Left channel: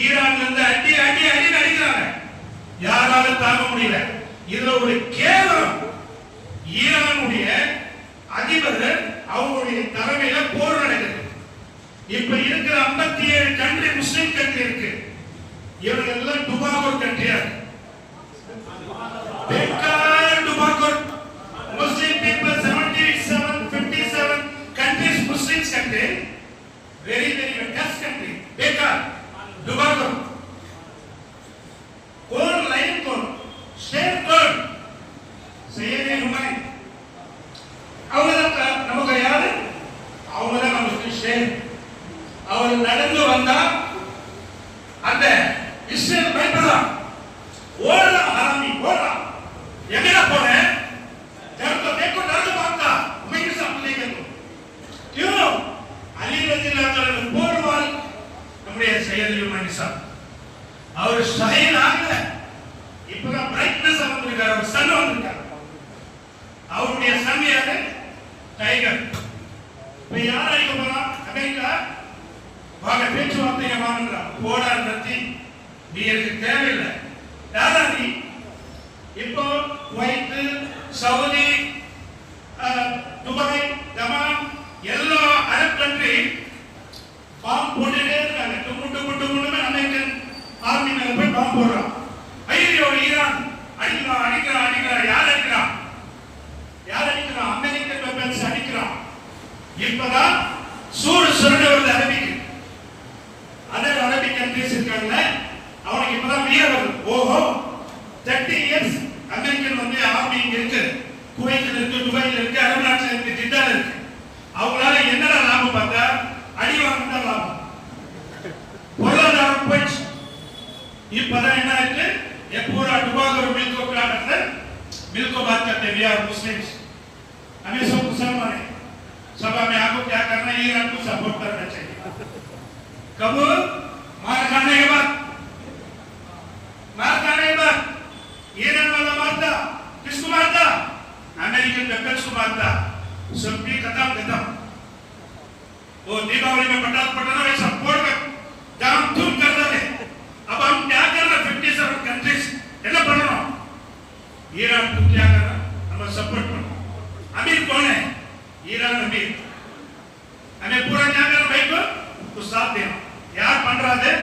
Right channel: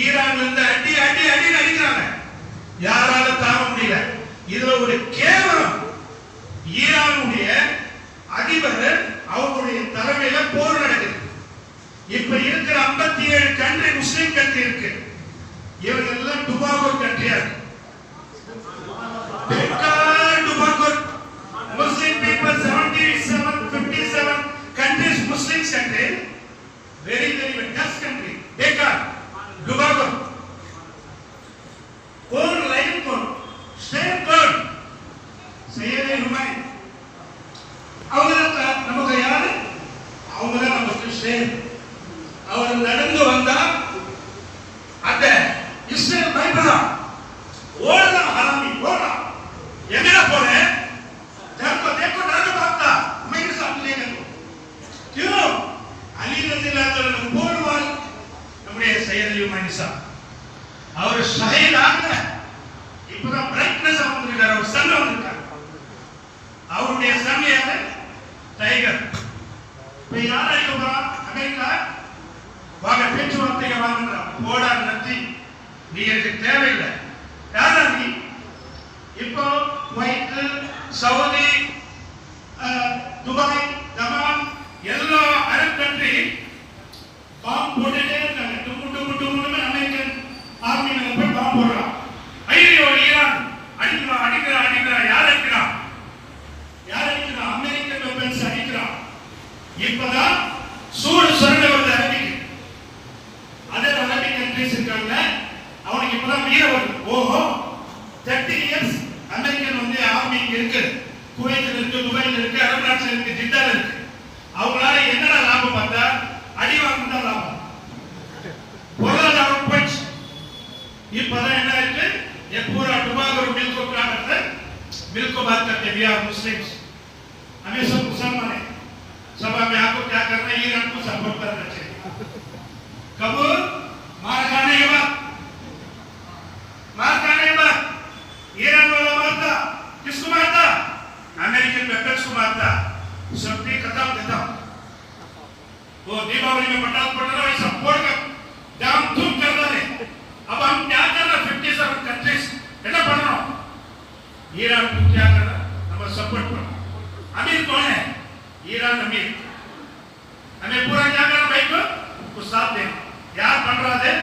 ஈரான்ல இருந்து அடி அடி அடி அடிக்கிறாங்க, யாராலும் தாங்க முடியல. இதுல ஒரு கேவலம், ஈரானுடைய அதிபர்கள் அவங்களுடைய தலைமையில போர் நடக்குது. இப்ப இருக்கிற 57 கண்ட்ரி முஸ்லிம் கண்ட்ரி இருக்கு, இவங்க எல்லாம் டுபாகோ கண்ட்ரியா இருக்கு. டுபாகோ Muslim people 57 countries Muslims country, very best country. Bekar Dubago code line code state code Sayyid Humayun அவங்கள நமக்கு யாரு, அவங்கள நமக்கு ஷேர். அவர் நடந்து வந்தா அந்த இஸ்ரேல் பயப்படா, ஓடலாம் ஹராமி ஓடலாம், எங்கட போறேன் देखो देखो डर भागता, मैं भी सामने लेके तो क्यों अली रज़ी अल्लाह तआला बोल वाल நம்முடைய சையத் அலி உமைன் சாப் அவர் ஷஹீத் ஆகல. இப்பதான் பிரைட்னஸ் வந்திருக்காரு, அவர் சன் வந்திருக்காரு. அவருடைய சன் யாரு? டைகர். இப்ப யார் அடிக்க போறா? அமெரிக்கா வாங்க பேச்சுவார்த்தைக்கு வாங்கன்றா. போடா நத்தி, நீ எனக்கு தேவையில்லை. யாரா நீ? இப்போ குவைத், சவுதி, துபாய், யமன் எல்லா அரபு கண்ட்ரி பாம்பு போட்டுட்டே இருக்காங்க. டும்மு டும்மு டும்முன்னு அமெரிக்கன் ஆர்மி மேல போய் பாம்பு போடுறான். ஐயோ ஈரான் அடிக்கிறான் அடிக்கிறான் அடிக்கிறான். யார் அடிக்கிறான்? யார் அடிக்கிறான்? அமெரிக்கன் வெப்பன்ஸ் அடிக்கிறான். இப்பதான் சூடு சுரண்ட வருது அரபிக்கு. அதர் அரபிக் கண்ட்ரிஸ் இருக்காங்கல்ல, அவனுக்கு இப்பதான் வீர வருது. ஓஹோ 30 இயர்ஸ் அமெரிக்கன் வந்து ஆர்மி இருக்கு, குவைத்தில் இருக்கு, துபாயில் இருக்கு, அரபு நாட்டில் இருக்கு, ஜித்தால இருக்கு. அவங்களால என்னடா லாபம் பார்த்தா அடி வாங்கினா லாபம், பொருளாதாரம் போயிடுச்சு. இப்பதான் என்ன இருக்கு, ये पूरा टुबागो मिल को क्या करते हैं, मिल को बात करते हैं, वी आर मुस्लिम्स, हमें सब मुसलमान है, सब हमें आपको क्या करना है, ईरान को सपोर्ट करना चाहिए. कब मार खाने के बाद ईरान वाला मारता, किसको मारता? अमेरिकन वेपन्स को मारता. सब भी खत्म देता. वो दीपावली में पटाखे